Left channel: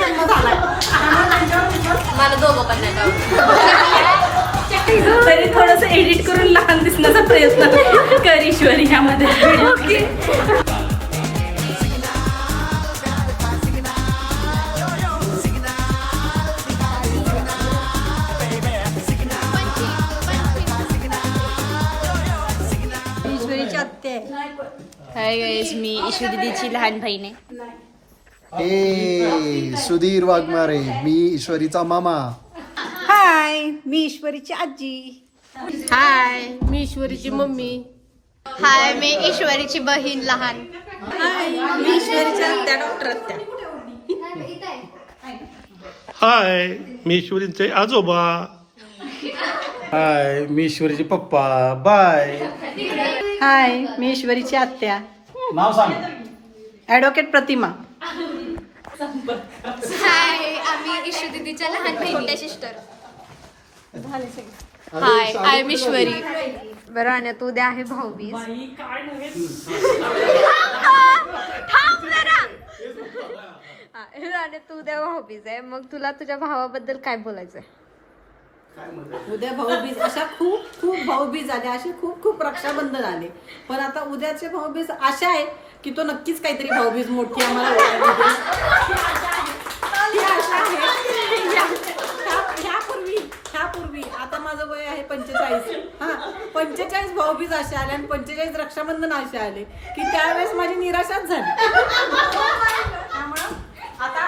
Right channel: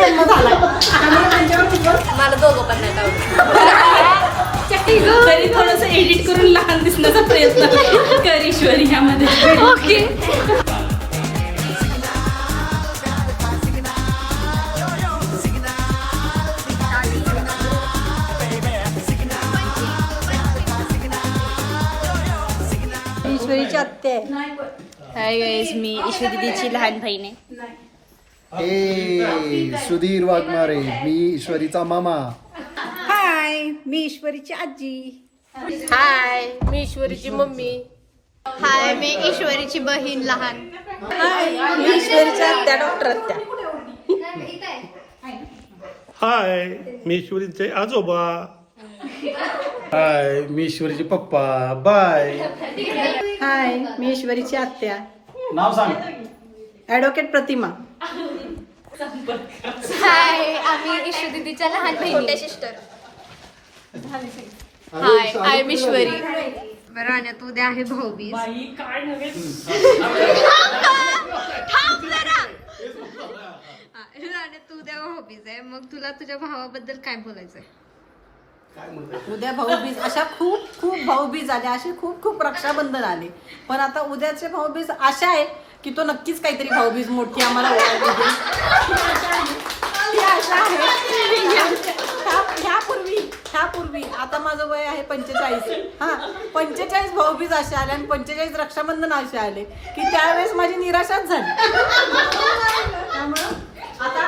जन्म झालाय. मला दोघं पण नाही आवडत. तरी थोडंसं एडिट करून लहान दिसण्याचा प्रयत्न कर ईश्वरी ह्यामध्ये. ओके. ईश्वरीची आत्या आहे. हाय गाईज, मी ईशू दीदीची लहान बहीण आहे. सुधीर वाघमारे, मी ईश्वरीचा मामा. हाय, मी ईश्वरीची आजी. हाय, मी ईश्वरीची मम्मी. हाय, मी ईश्वरीची बहीण लहान. हाय, मी ईश्वरीच्या आत्या, डॉक्टर आत्या. हाय, मी ईश्वरीचे आजोबा. हाय, मी ईश्वरीचे पप्पा. बाय. हाय, मी ईश्वरीची आत्या, नाव सांग. ॲडव्होकेट प्रतिमा. हाय, आम्ही ईशू दीदीच्या लहान बहिणी. सिस्टर. हाय, आय एम ईश्वरी. बरं, आणि तू उद्या आहे भाऊबीज. थांब जरा. आणि तू उद्या भाऊबीज आहे, मग तुला तुझ्या भावाबद्दल काय बोलायचंय? उद्या भाऊबीज, अशा खूप खूप भाऊबीज आले, असे खूप खूप रक्षाबंधन आले. पण आता उद्याचे भाऊबीज अशा आहे की तो नक्कीच काहीतरी भाऊबीज मोठी आम्हाला ओळखली देईल. ती आशा आहे. ह्यापूर्वी आता माझं वय आहे 45. 45 भाऊबीज असे आले आणि 45 रक्षाबंधन असे आले की त्यावेळेस माझी निराशाच झाली. त्यामुळं आता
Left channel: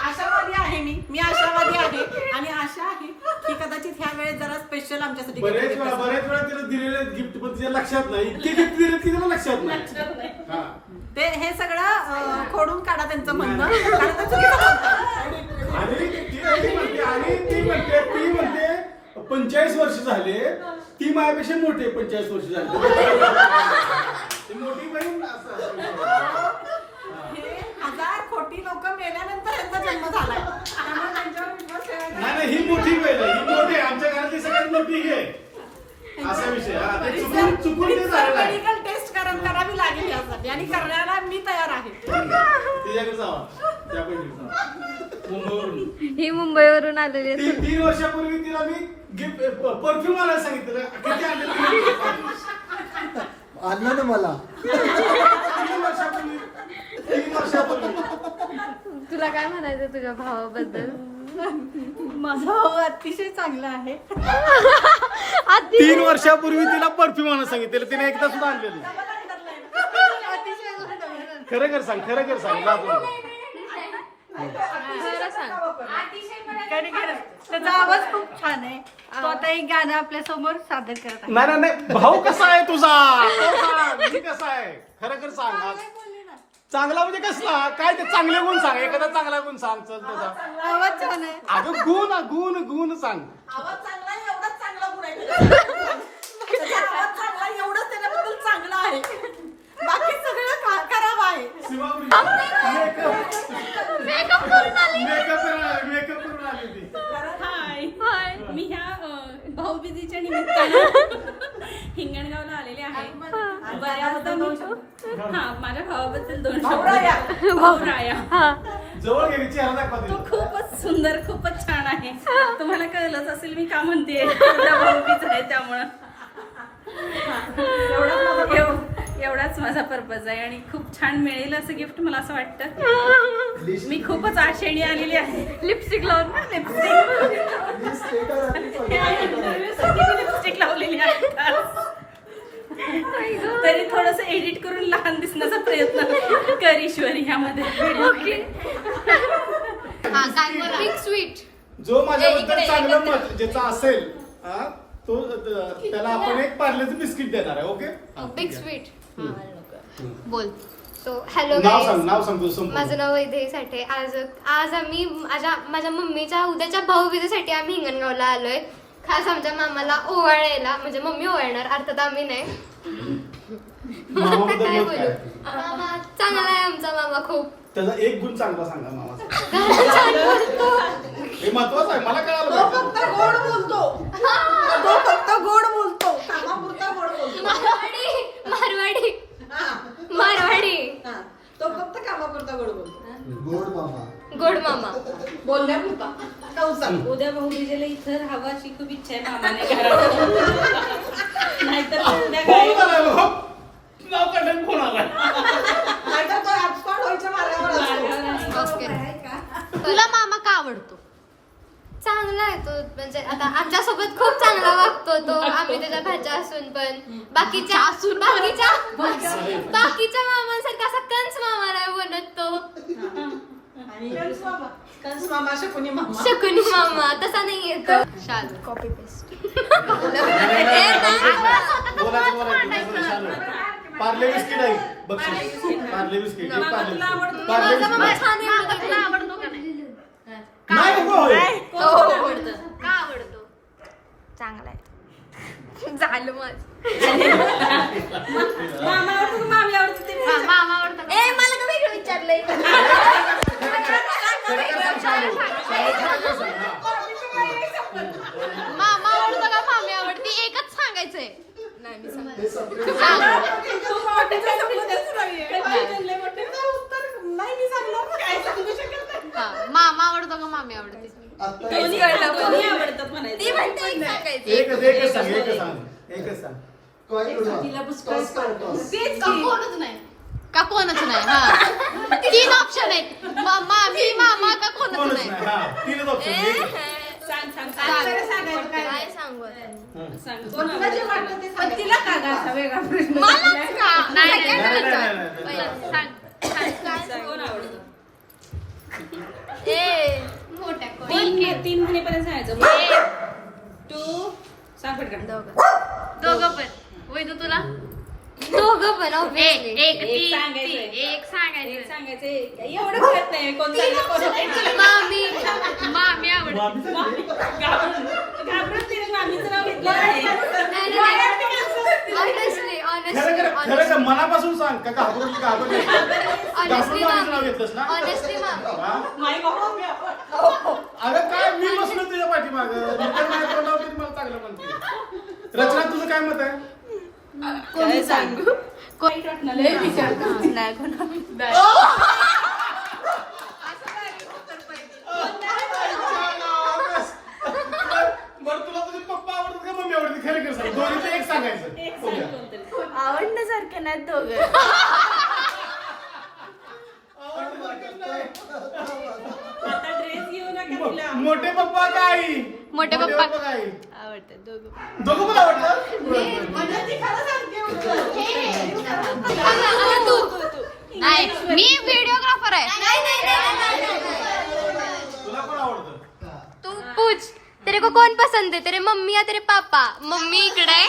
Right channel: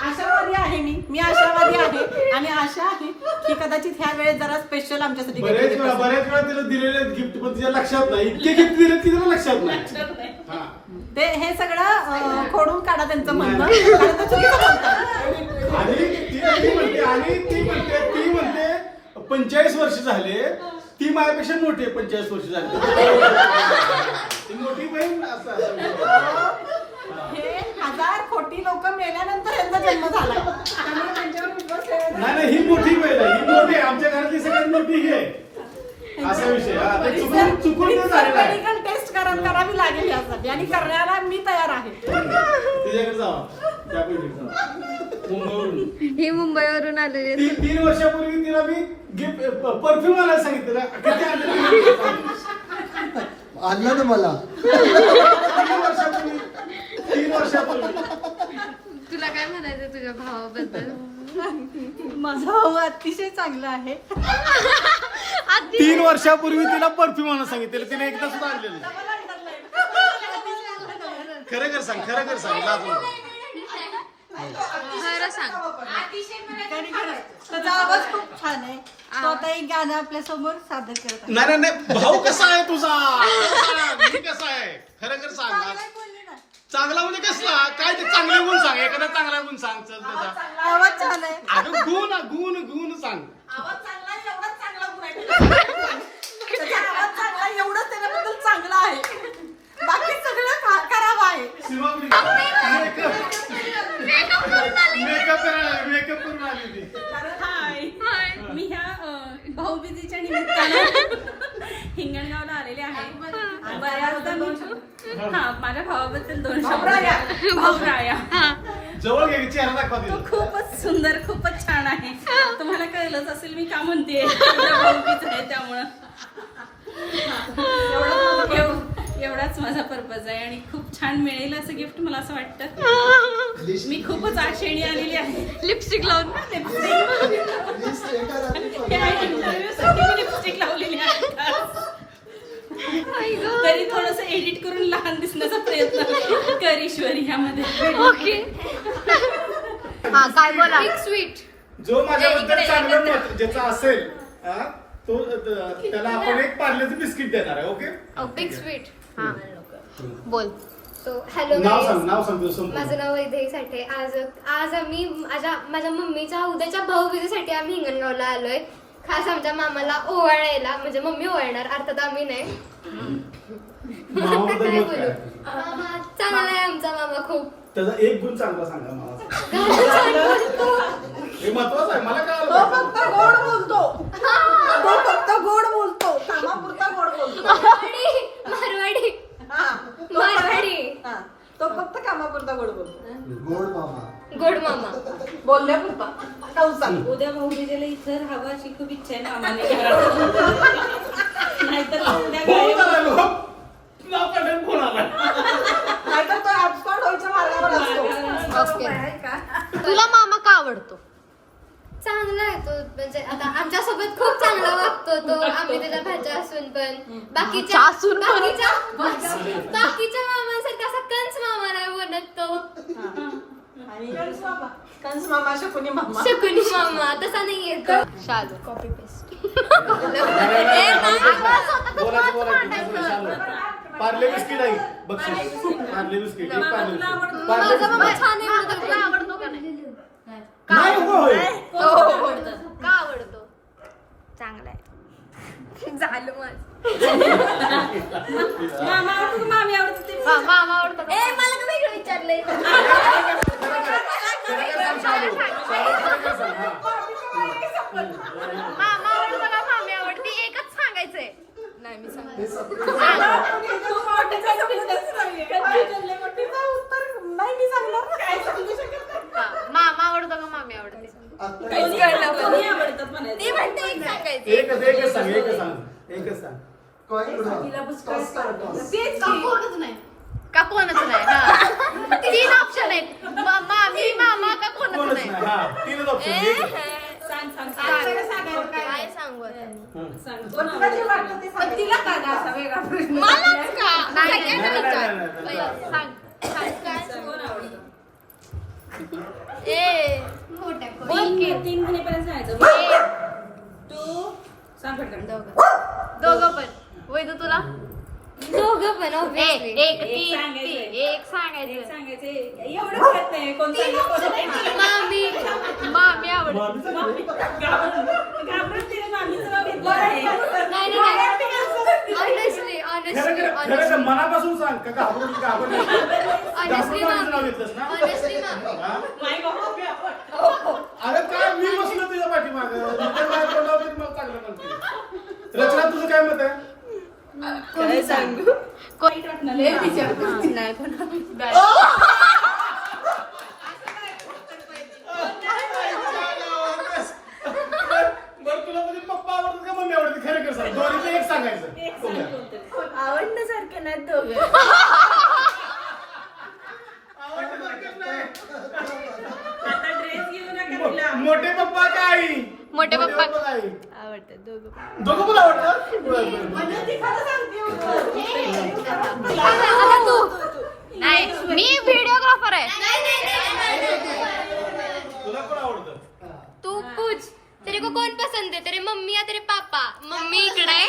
आशावादी आहे मी आशावादी आहे आणि आशा आहे की कदाचित ह्या वेळेस जरा स्पेशल आमच्यासाठी बरेच वेळा तिला दिलेले गिफ्ट पण तिच्या लक्षात नाही. इतके गिफ्ट दिले की तिला लक्षात नाही. ते हे सगळं खोडून काढा त्यांचं म्हणणं, कारण ते चुकीचं बोलतात. आणि ती म्हणते 45 वर्ष झाले, ती माझ्यापेक्षा मोठी आहे. 45 वर्ष झाली ती मोठी बहीण. हे 1000 खोटी लोक मेल्यानंतर यांचा जन्म झालाय. नाही, ही मोठी बहीण आहे. ही मोठी आहे. आमच्या घरातली सगळ्यात मोठी ही आहे. असा विषय. चुकून मेडिकल टेस्ट करावी लागेल यासाठी आणि करण्याला मी तयार आहे. तिच्याकडे जावा, त्या बहिणीकडे जावा. मुंबईवरून ही मुंबईवरून आलेली आहे. 3 वर्षापूर्वी तिला मी गिफ्ट परफ्यूम आणायला सांगितलं. किती आणलं? आणलं ना मला. 3 वर्षापूर्वी. तुला काय म्हणायचं तुझ्या भावाबद्दल? माझा भाऊ अतिशय चांगला आहे. 3 वर्षापूर्वी तिला परफ्यूम आणायला सांगितलं. तिने एकदा सुद्धा आणलेली. खरं सांग. खरं सांग. त्याचा आवाज खूप छान आहे. तो आता एक गाणं आपल्या समोर सादर करत आहे. नाही, भाऊ कसा आहे तुझा? कसा आहे? खरं सांग. चांगला म्हणजे कसला? काय ते चांगले गुण सांग. एखादा चांगला गुण सांग. चल त्याचा आवाज छान आहे. अगं गुण सांग. आवाज चांगला आहे, एवढाच चांगला गुण आहे. त्याचा आवाज चांगला आहे, एवढंच त्याच्याबद्दल चांगलं आहे. बाकी सगळं खराब आहे. मेकअप करून आली ती. हाय, मी ह्या भाऊबीजेच्या निमित्तानं हिंगणगावला आलेले आहे. बऱ्याचदा मी माझ्या भावाबद्दल 2 शब्द. भाऊराया जवळ घ्यायची चेहरा दाखवा. तो खूपच सुंदर, खूपच छान आहे. तुम्हाला कळलंच असेल मी का म्हणते. भाऊबीज आहे त्यामुळं एवढाच माझा पर्पज आहे आणि खूप छान मिळेल असं गिफ्ट मला असं वाटतं. मी खूपच आशेने आलेली आहे. लिपस्टिक लावून ना. लिपस्टिक लावलेली आहे. तरी थोडंसं एडिट करून लहान दिसण्याचा प्रयत्न कर ईश्वरी ह्यामध्ये. ओके. हा, काय बोला? स्वीट. जो माझ्याबद्दल चांगलं मत ज्याचा असेल तो त्याला आपण एक पार्लेचं बिस्किट देणार आहे. ओके. Big sweet. हा, बोल. सो हॅलो नाव सांग तुझं. माझं नाव वैदेही साठे. आज आम्ही माझ्या मम्मीच्या उद्याच्या भाऊबीजेसाठी आम्ही हिंगणगावला आलोय. खास आमच्या मामाला ओवाळायला. म्हणजे मम्मी ओवाळणार, अर्थात आम्ही नाही. काय बोलू. चांगला आहे आमचा मामा खूप. त्याचा एक गुण चांगला सांगा मामाचा. छान बोलतो. हे महत्वाचं आहे. मला कळालं. फक्त गोड बोलतो. मारवाडी. तो फक्त कामापुरता गोड बोल. गोड मामा. गोड मामा. बोलण्यापुरता कंसात. उद्या भाऊबीजेला इथं राहावं अशी खूप इच्छा आहे मामाने घरात. नाहीतर उद्या फोन काय- करायला हो. नाव काढून फोन आला नाहीतर तो hotspot व्हायच्या मार्गावर असतो. ओके. आहे का? तुला मामा का आवडतो? चांगला आहे तो, म्हणजे आता आमच्यासोबत खूप चांगला वागतो तो. आम्ही त्याच्या भाच्या असून पण बाकीच्या बाकीच्या मामांसारखा असा कंस मामा नाही बनत तो. आणि कंस मामा. कंस मामा, शकुनी मामा. शकुनी मामा तसा नाही येतो. शालू. Copy paste. पार्ले बिस्किट आहे बक्षीस. पार्ले बिस्किट एक पार्ले बिस्किट. पार्ले माझा बिस्किट. मामा छान मामा तुला आहे. आवडतो का नाही? नाही नको होय. हो. का आवडतो? चांगला आहे. झालं माझं. मामा आवडतो का मामी आवडते ते मामा आवडतो का? मला का वेगळं विचारलंय? खरं सांग शालू. शालू खरं सांग, हा. मामा आवडतो का मामी आवडती? एकच सांगायचंय. नाही मी सांगते. तिचा उत्तर नाही मी सांगणार ना. काय सांगू शकत नाही. हा, मामा आवडतो का मामी आवडते? दोन्ही आवडतात म्हणायचं. ती म्हणते एक सांगायचं. एकच सांग एकच सांग एकच सांग. का कोणच नाही? हा. 3 ऑप्शन आहेत. मामी, मामा का कोणच कोणच नाही? नाही. हा तीनच ऑप्शन. सांग सांग काय सांगू आता? पण तुला जे वाटतं ते सांग. तिला का ग असा वेगळा प्रश्न? मलाच का? नाही, नाही, नाही, नाही, नाही. नाही. पहिला सांग. सांग. काय सांगू? कोण आवडतं? ए मोठ्या तीन महिनेपर्यंत सांगायचं. 1 2 सांग पटकन. दोघं पण. वैदू तुला? दोघं पण obviously. एक सांगायचंय. एक सांगायचं. सांगायचं एवढं कळत नाही कोण सांगेल, कोण नाही. मामी आवडते. घाबरत तिने मामीचं नाव घेतलं आहे. ऑनेस्टली खरं खरं मनापासून सांग का घाबरून ऑनेस्टली नाव घेतलंस ना? ऑनेस्टली हा? अरे काय मी बसलो तुझ्या पाठीमागं. नंतर नाही तोंडावर तरी मला चांगलं म्हणते. रचना तुझं काय मत आहे? काय सांगू? नाही कोण. बरं तुला तुझे पप्पा आवडतात का मम्मी आवडते? खरं खरं सांग. दोन्हीचं एक सांगायचं. आवडण्यासारखे नाही दोघं. आता ड्रेस घेऊ नका तिला. मोठे पप्पा का आई? मोठे पप्पा. का आई? आवडतात दोघं. दोघं पण आवडतात? नाही मी व्हिडिओग्राफर आहे. तुला पण आवडतं? तू पूछ तेरे को कौन पसंद है, तेरे मम्मी या तेरे पापा? मम्मी इकडे आहे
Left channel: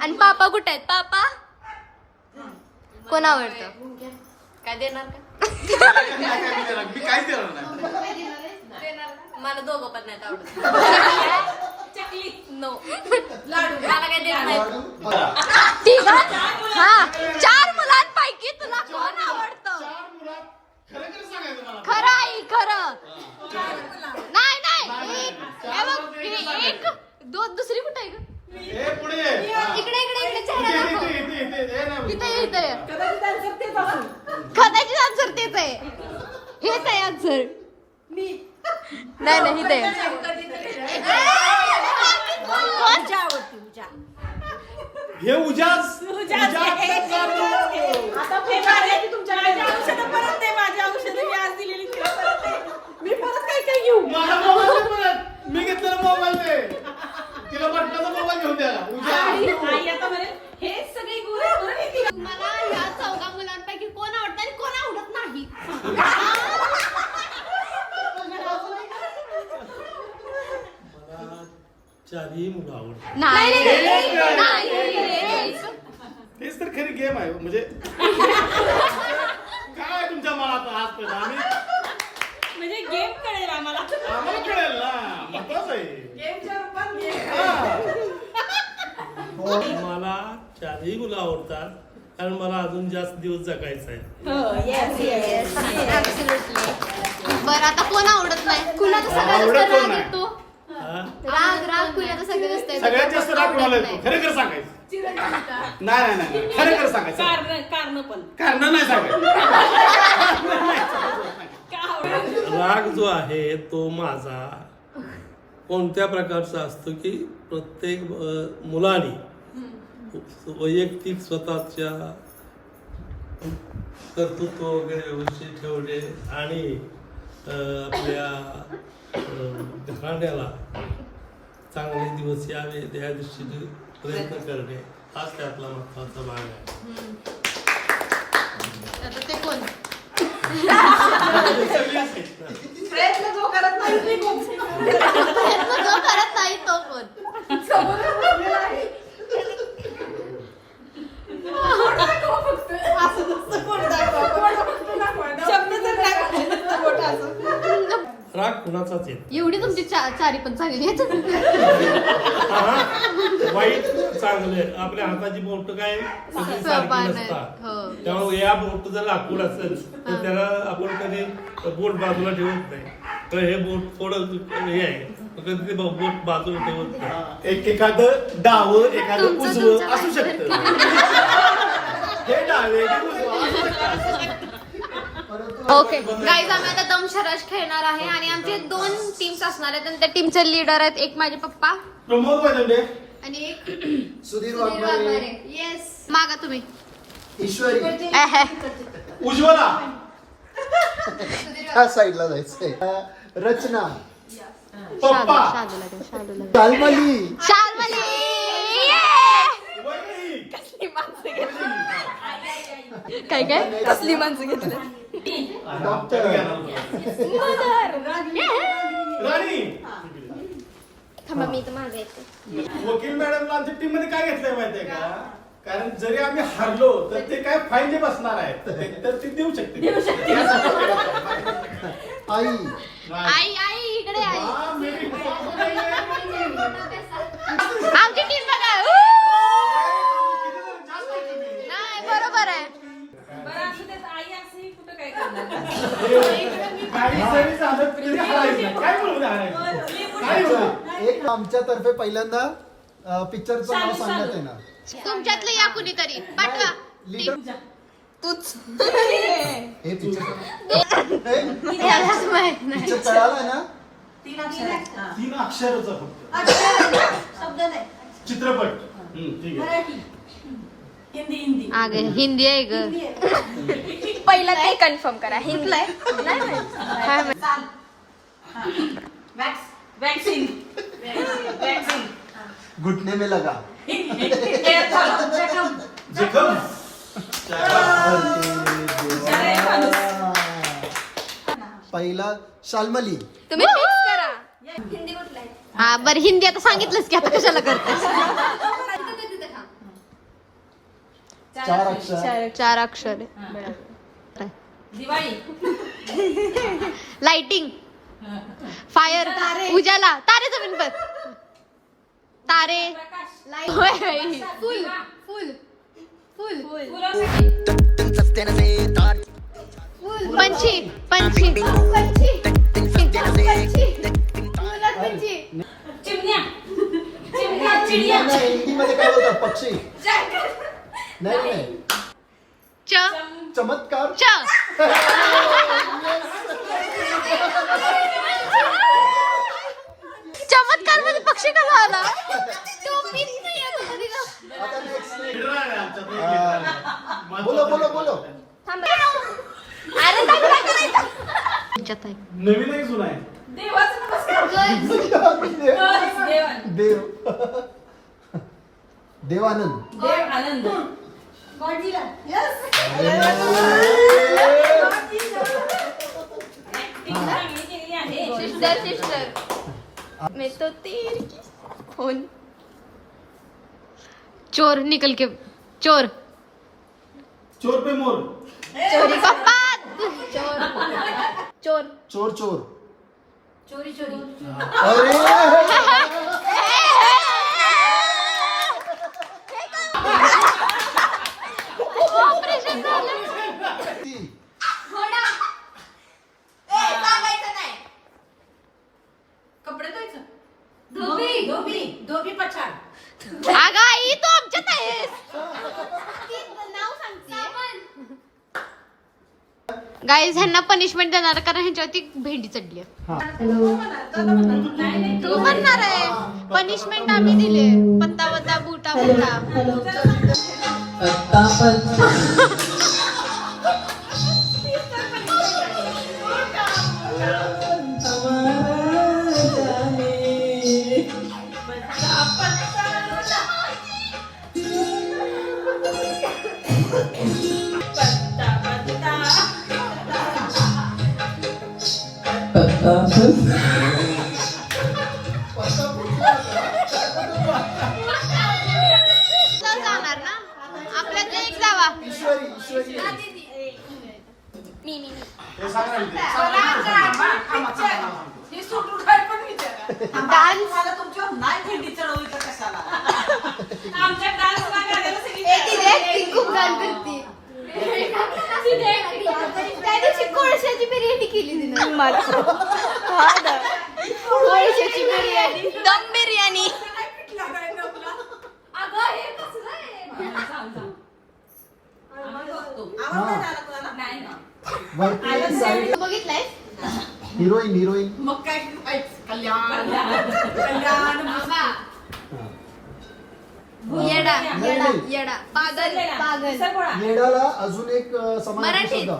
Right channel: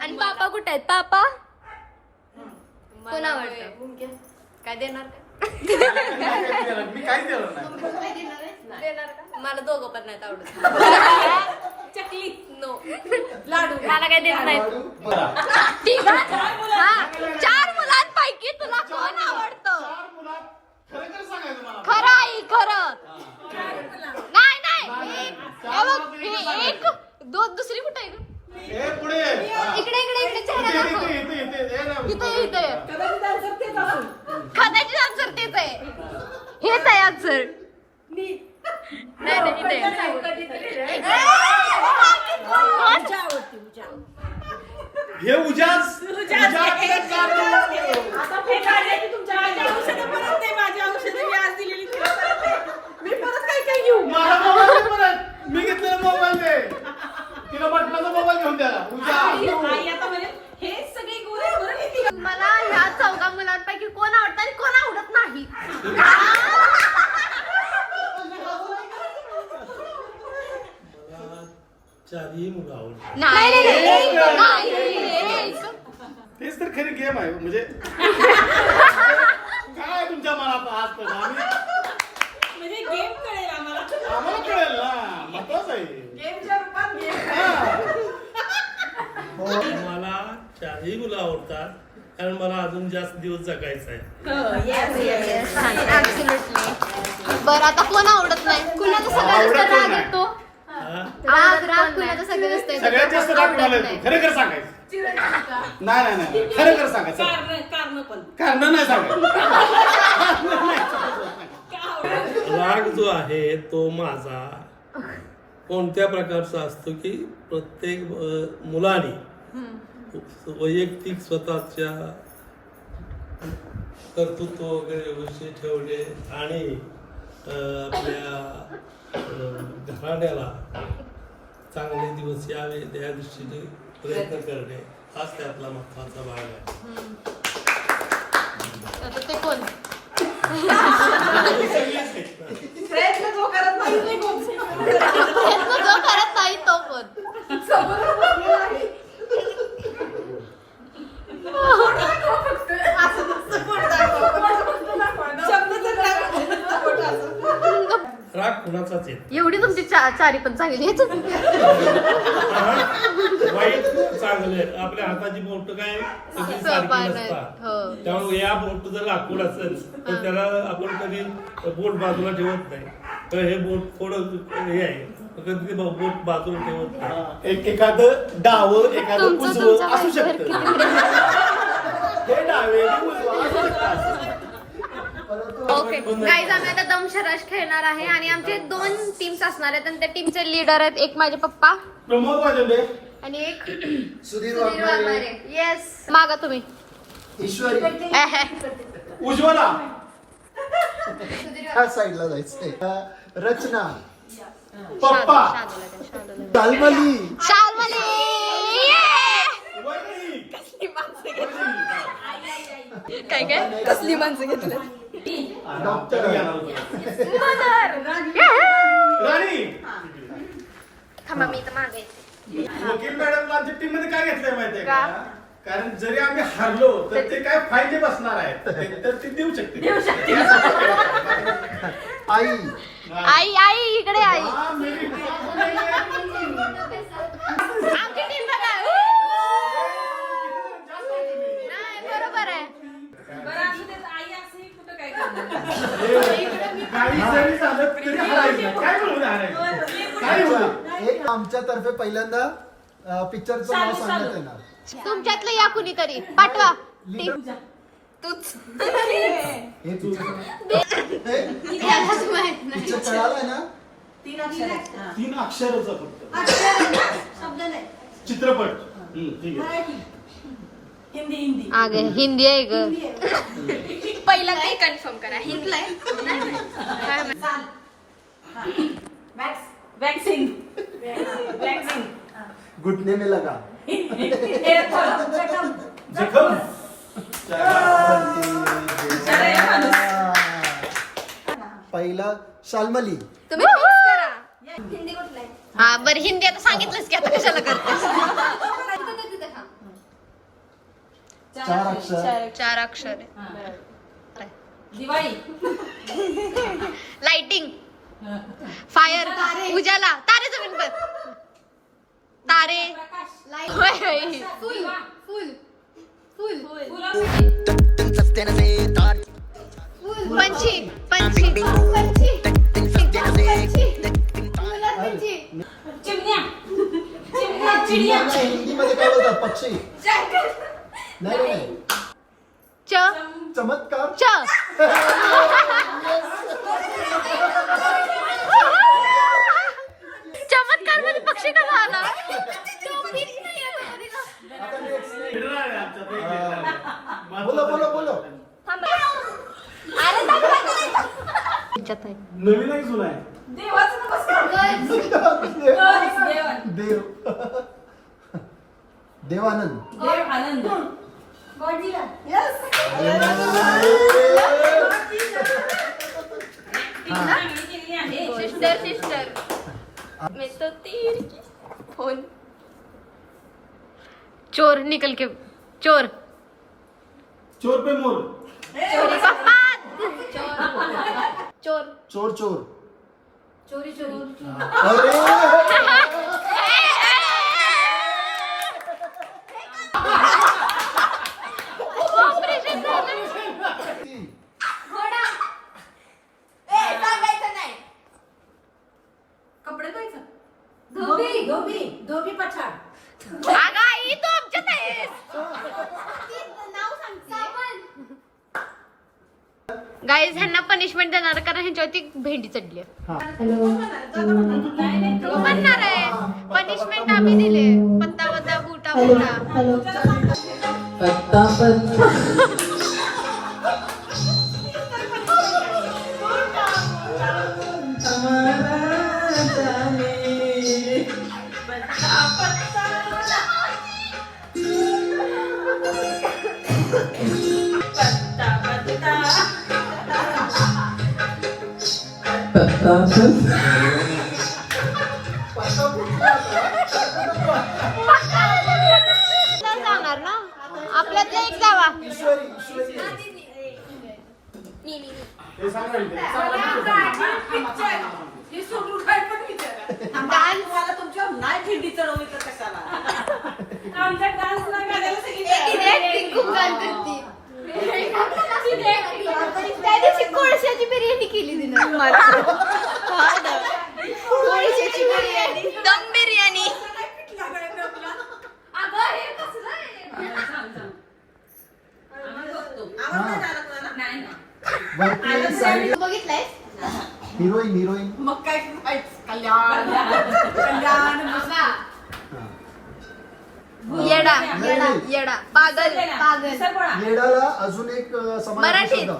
आणि पापा कुठे आहेत? पापा कोण आवडतं? काय देणार का? नाही काय देणार? मी काहीच देणार नाही. देणार का? मला दोघं पण नाहीत आवडत. नो. मला काय देत नाहीत. ठीक आहे. हा 4 मुलांपैकी तुला कोण आवडतं? चार मुलात खरं खरं सांगायचं मला. खरं आई खरं. नाही नाही, नाही चार हे बघ, मुलात एकच सांगायचं. एक दुसरी कुठे आहे ग? ए, पुढे हा. इकडे चेहरा इथे, दाखव. इथे, इथे, इथे. ए, नाही. इथे कदाचित answer तेच असेल. कदाचित आन्सर तेच आहे. हेच आहे आन्सर. नाही नाही इथे आहे. कोण? हे उजास आता फोन आला की तुमच्या माझ्या औषधं परत दे, माझ्या औषधं मी आज दिलेली तिला परत दे. मी परत काय काय घेऊ? माझा मोबाईल दे परत. मी घेतलेला मोबाईल दे. तिला बटनाचा मोबाईल घेऊन द्या. उजास. आई आता म्हणे हे सगळे गुण आहेत बरं मी तिला. मला ह्या 4 मुलांपैकी कोण आवडतं आणि कोण आवडत नाही. चारही मुलं आवडतात. नाही एक. नाही. तेच तर खरी गेम आहे म्हणजे काय तुमच्या मनात आजपर्यंत आम्ही म्हणजे गेम कळेल आम्हाला. आम्हाला कळेल ना महत्वाचं आहे. गेमच्या रूपात गेम. हा. मला चारही मुलं आवडतात कारण मला अजून जास्त दिवस जगायचं आहे. हो, yes, yes. बरं आता कोण आवडत नाही? कुणाचं आवडत सगळ्यात कोण राग नाही? येतो? हा? राग कुणाचं सगळ्यात जास्त येतो? सगळ्यात जास्त राग कोणाला येतो? खरं खरं सांगायचं. नाही नाही नाही खरं खरं सांगायचं. कारण पण कारण नाही सांगायचं. राग जो आहे तो माझा कोणत्या प्रकारचा असतो की प्रत्येक मुलाने वैयक्तिक स्वतःच्या कर्तृत्व वगैरे विषय ठेवणे आणि आपल्या घराण्याला चांगले दिवस यावे या दृष्टीने प्रयत्न करणे हाच त्यातला महत्वाचा भाग आहे. आता ते कोण प्रयत्न जो करत नाही ते कोण? प्रयत्न जो करत नाही तो कोण? राग कुणाचाच येत एवढी तुमची चारी पण चांगली आहेत. वाईट चांगले आपल्या हाताची बोट काय सगळी सारखी समान आहे. नसतात. हो. त्यामुळे या बोट जर लाकूड असेल तर त्याला आपण कधी बोट बाजूला ठेवत नाही. तर हे बोट थोडं हे आहे कधी ते बोट बाजूला ठेवत नाही. एखादं डावं एखादं तुमचं उजवं असू शकतं. हे डावे हे उजवं असू शकतं. ओके गाईज आम्ही आता दमशराज खेळणार आहे आणि आमचे 2 टीम्स असणार आहेत आणि त्या टीमचे लीडर आहेत. एक माझे पप्पा प्रमोद वाजवले. आणि एक सुधीर सुधीर वाघमारे, वाघमारे. येस मागा तुम्ही. ईश्वरी उज्ज्वला त्या साईडला जायचंय. रचना, पप्पा शाल्मली, शाल्मली. काय काय कसली माणसं घेतलं. डॉक्टर, राणी. थांबा मी तर मागायचं. वकील मॅडमला आमच्या टीम मध्ये काय घेतलंय माहितीये का? कारण जरी आम्ही हरलो तर ते काय फायदे बसणार आहेत तर ते देऊ शकते. आई, आई आई इकडे आई. आमची टीम बघा. नाही, बरोबर आहे. बरं असू देत, आई असंही कुठं काय करणार. काही जरी झालं तरी हरायचं. काय बोलू हरायचं? काय बोलू? एक आमच्यातर्फे पहिल्यांदा पिक्चरचं नाव सांगण्यात येणार. तुमच्यातलं या कुणीतरी पाठवा. टीम तूच. हे तुझं पिक्चर कळालं ना? 3 अक्षर आहेत. हा. 3 अक्षराचा फक्त शब्द नाही. चित्रपट. ठीक आहे. मराठी, हिंदी. आगे हिंदी आहे ग. पहिलं काय कन्फर्म करा हिंदी. काय म्हण- चाल. हा. वॅक्सिन. घुटने में लगा. जखम. जखम. पहिला शाल्मली, तुम्ही फिक्स करा. हिंदी कुठला आहे? हा बरं हिंदी आता सांगितलंच की आता कशाला करतेस. 4 अक्षर. 4 अक्षर आहे. दिवाळी. लाइटिंग, फायर, उजाला, तारे जमीन पर, तारे, पंछी पंछी हिंदीमध्ये काय बोलतात? पक्षी. नाही, च चमत्कार. च चमत्कार मध्ये पक्षी कसा आला? बोलो. तुमच्यात आहे. नवीन आहे जुना आहे. देवाचा नमस्कार. देव, देवानंद. देव आनंद. गॉडजिला. Yes. चोर निकल के चोर. चोर पे मोर. पप्पा चोर. चोर. चोरी. अरे ऑपरेशन झालं. कपडे धुवायचं. धोबी पछाड. अगं आई तू आमच्यात आहेस. गाईज ह्यांना पनिशमेंट देणार कारण ह्यांच्यावरती भेंडी चढली आहे. हा. तू म्हणणार आहे पनिशमेंट आम्ही दिले पत्ता पत्ता बुटा बुटा. जाणार ना आपल्या ते एक जावा. ईश्वरी ईश्वरी हे सांग ना इथे. ही सोडून काय पण विचारा. मला तुमच्यावर नाही भेंडी चढवली तर कशाला. आमच्या डान्स गाण्याला सगळी खूप गाण करते. त्या दिवशी कोळशाची बिर्याणी केली तिनं कोळशाची बिर्याणी दम बिर्याणी. अगं हे कसलं आहे? वरती साईड बघितलंय हिरोईन हिरोईन मग काय कल्याण कल्याण येडा येडा पागल पागल. येडाला अजून एक समानार्थी मराठीत. शब्द. हा.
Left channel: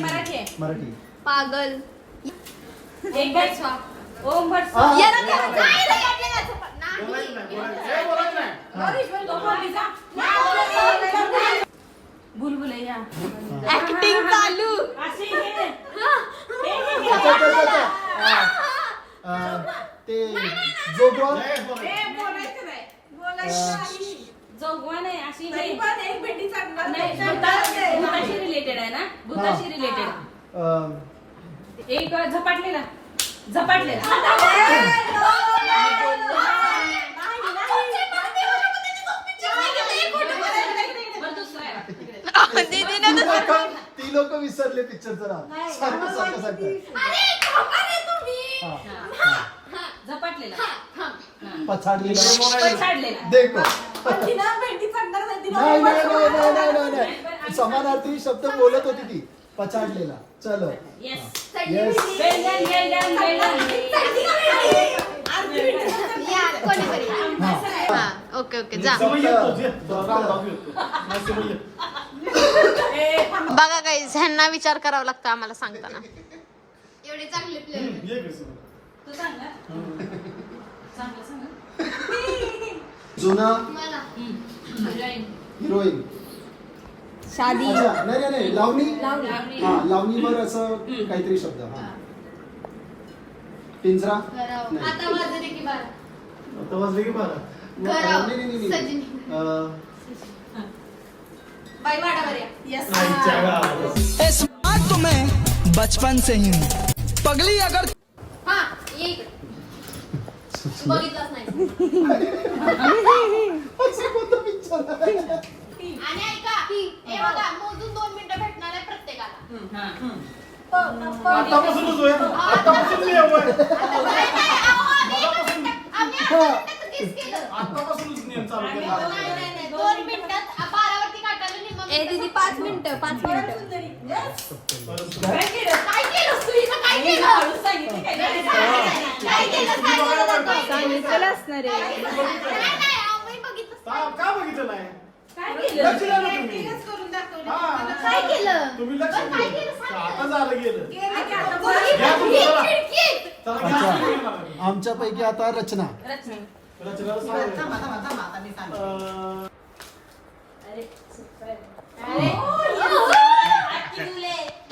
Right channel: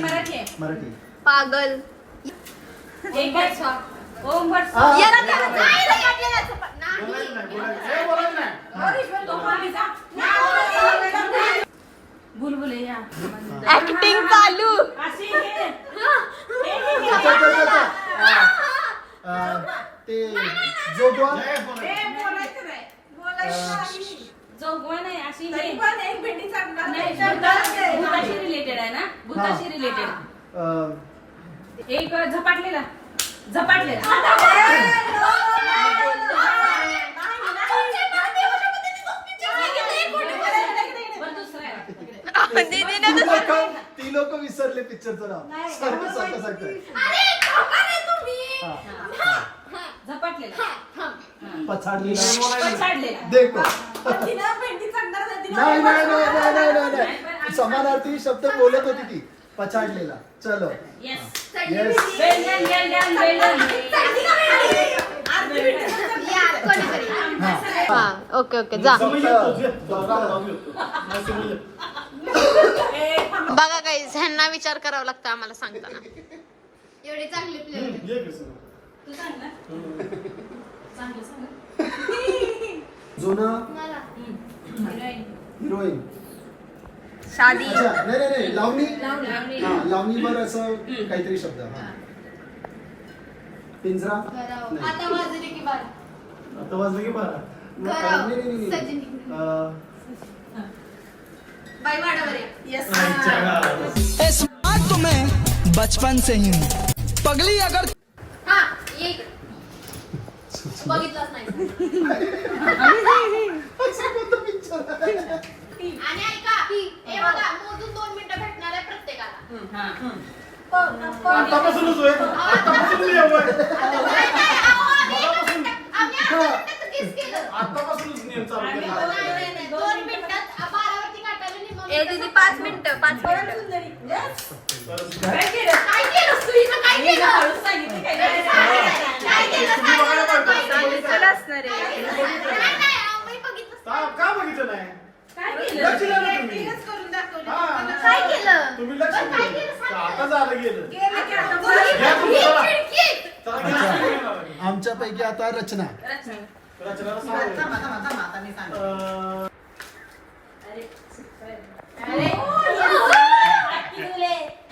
मराठी आहे. मराठी पागल. एक भट. ओम भट. हा. येडा नाही, नाही, नाही. बुलबुलैया. ऍक्टिंग चालू. अशी हे. अच्छा, अच्छा, अच्छा. ते जोगवा जोगवा नाही अशी हे. एक भेंडी चढणार नाही, भूताशी रिलेटेड आहे ना भूताशी रिलेटेड. एक झपाटलेला झपाटलेला. बरं, दुसरा आहे. ती लोक विसरले पिक्चरचं नाव सारखं सारखं सारखं हा. झपाटलेला. पछाडलेलं पछाडलेला. देखो तिला भेंडी चढणार नाही तिला नाही नाही नाही नाही नाही नाही नाही समानार्थी शब्द बोलत होती ती पछाडलेला. चलो येस. येस वेल डन वेल डन वेल डन. हा ओके ओके जा. बघा गाईज ह्यांना विचार करावा लागतो आम्हाला सांगताना. एवढे चांगले प्लेयर तू सांग ना. सांग सांग. जुना मला हिरोईन शादी अच्छा नाही नाही नाही लावणी लावणी. हा लावणीवर असं काहीतरी शब्द हा पिंजरा करावं. नाही. आता वाजले की बारा. आता वाजले की 12. करावं. नाही, नहीं, नहीं, सचिन. बाई वाडावर या. स्मार्ट तो मैं बचपन से ही हूँ पगली अगर हा ये इकडे. बघितलंच नाही. असं कोणतं picture आहे? आणि ऐका हे बघा मोजून 2 मिनिटं भेटणार आहे प्रत्येकाला. आतापासूनच होय. आतापासून मी येऊ आहे. नाही, नाही, अहो, आम्ही आता किस केलं. आतापासूनच नियम चालू केला. नाही, नाही, नाही, 2 मिनिटात 12 वरती काढताना निम्मा मिनिटं. 5 मिनिटं 5 मिनिटं. काय केलं सुईनं काय केलं? सांगितलं काय? काय केलं चला असणार आहे. नाही, आम्ही बघितलं. का बघितलं नाही? काय लक्ष केलं? द्या ना तुम्ही. करून दाखवली हा. काय केलं? तुम्ही लक्ष काय द्या. केलं सांग. आता झालं गेलं. ही घ्या तुम्ही चला. खिडकी. चला घ्या. अच्छा. आमच्यापैकी आता रचना रचना. रचनाला सांग. आता मी सांगते अरे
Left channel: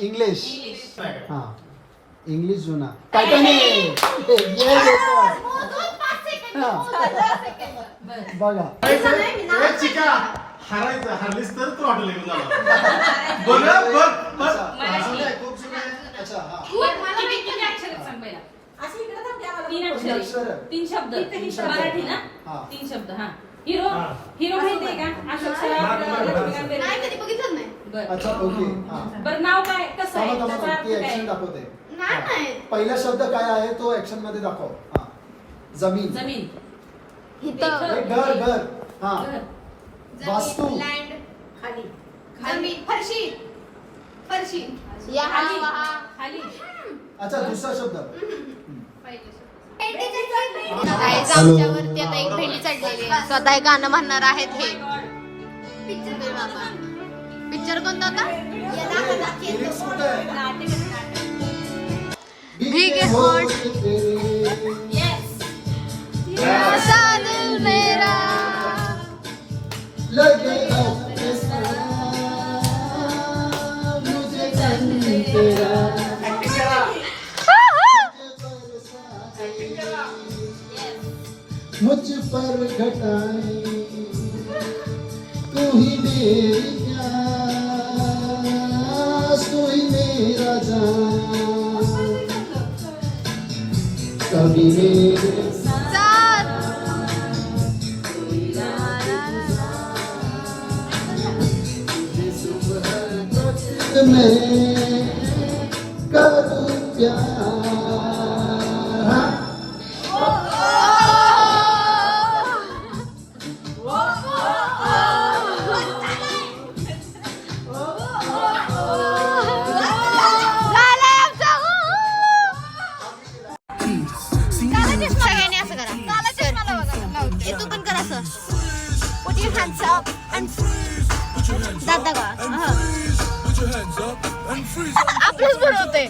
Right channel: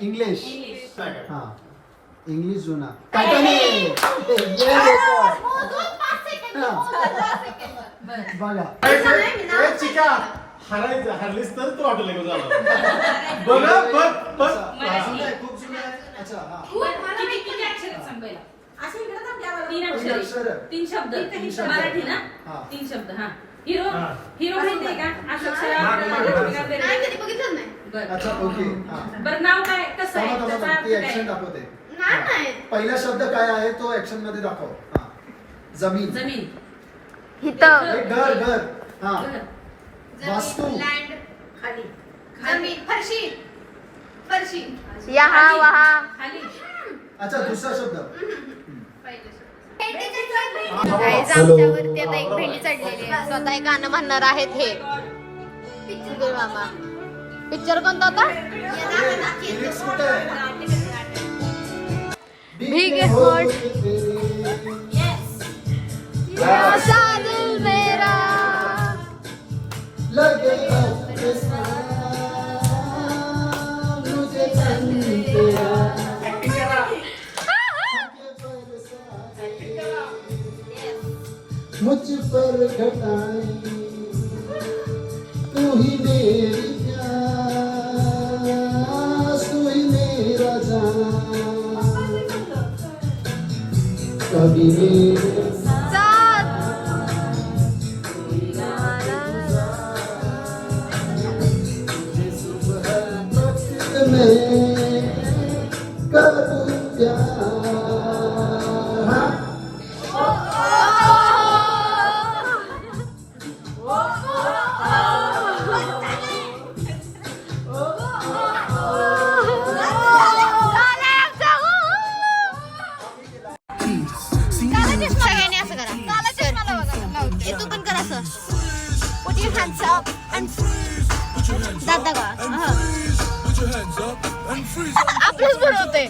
इंग्लिश इंग्लिश. नाही काय. हा इंग्लिश जुना टायटॅनिक ये देखो मोजून 5 सेकंद. हा. मोजून 5 सेकंद. बघा ए, चिक्या, हारायचं हारलीस तर तू हॉटेल घेऊन जाणार. बघ बघ बघ. जुना आहे, खूप जुना आहे. अच्छा हा किती अक्षर सांग पहिला. अशी इकडे थांब द्यावं. 3 अक्षरं. अक्षर. 3 शब्द. शब्द. मराठी ना? हा. 3 शब्द. हा. हिरो हा. हिरो माहिती आहे का? अशोक सराफ, नाही रजनीकांत कधी बेर्डे. बघितलं नाही. बरं. अच्छा ओके हा बरं नाव काय कसं आहे थांबा त्याचा थांबा अर्थ ती ऍक्शन काय? दाखवते नाही, नाही. पहिला शब्द काय आहे तो ऍक्शन मध्ये दाखव हा जमीन जमीन. इथं हे घर घर हा घर. वास्तू. लँड खाली जमीन फरशी फरशी यहाँ वहाँ. अच्छा दुसरा शब्द Guys, आमच्यावरती आता एक भेंडी चढलेली आहे. स्वतः एक गाणं म्हणणार आहेत हे पिक्चर बाबा. पिक्चर कोणता होता? लिरिक्स कुठे आहे? भीगे होठ सा दिल मेरा. लगे अपने साथ, मुझे तन तेरा, मुझ पर घटाए तू ही मेरी प्यास, तू ही मेरा जान, कभी मेरे साथ. में करूं प्यार. सगळ्यांनी असं करा. हे तू पण कर असं. Put your hands up and दादा का आपलंच बरं होतंय.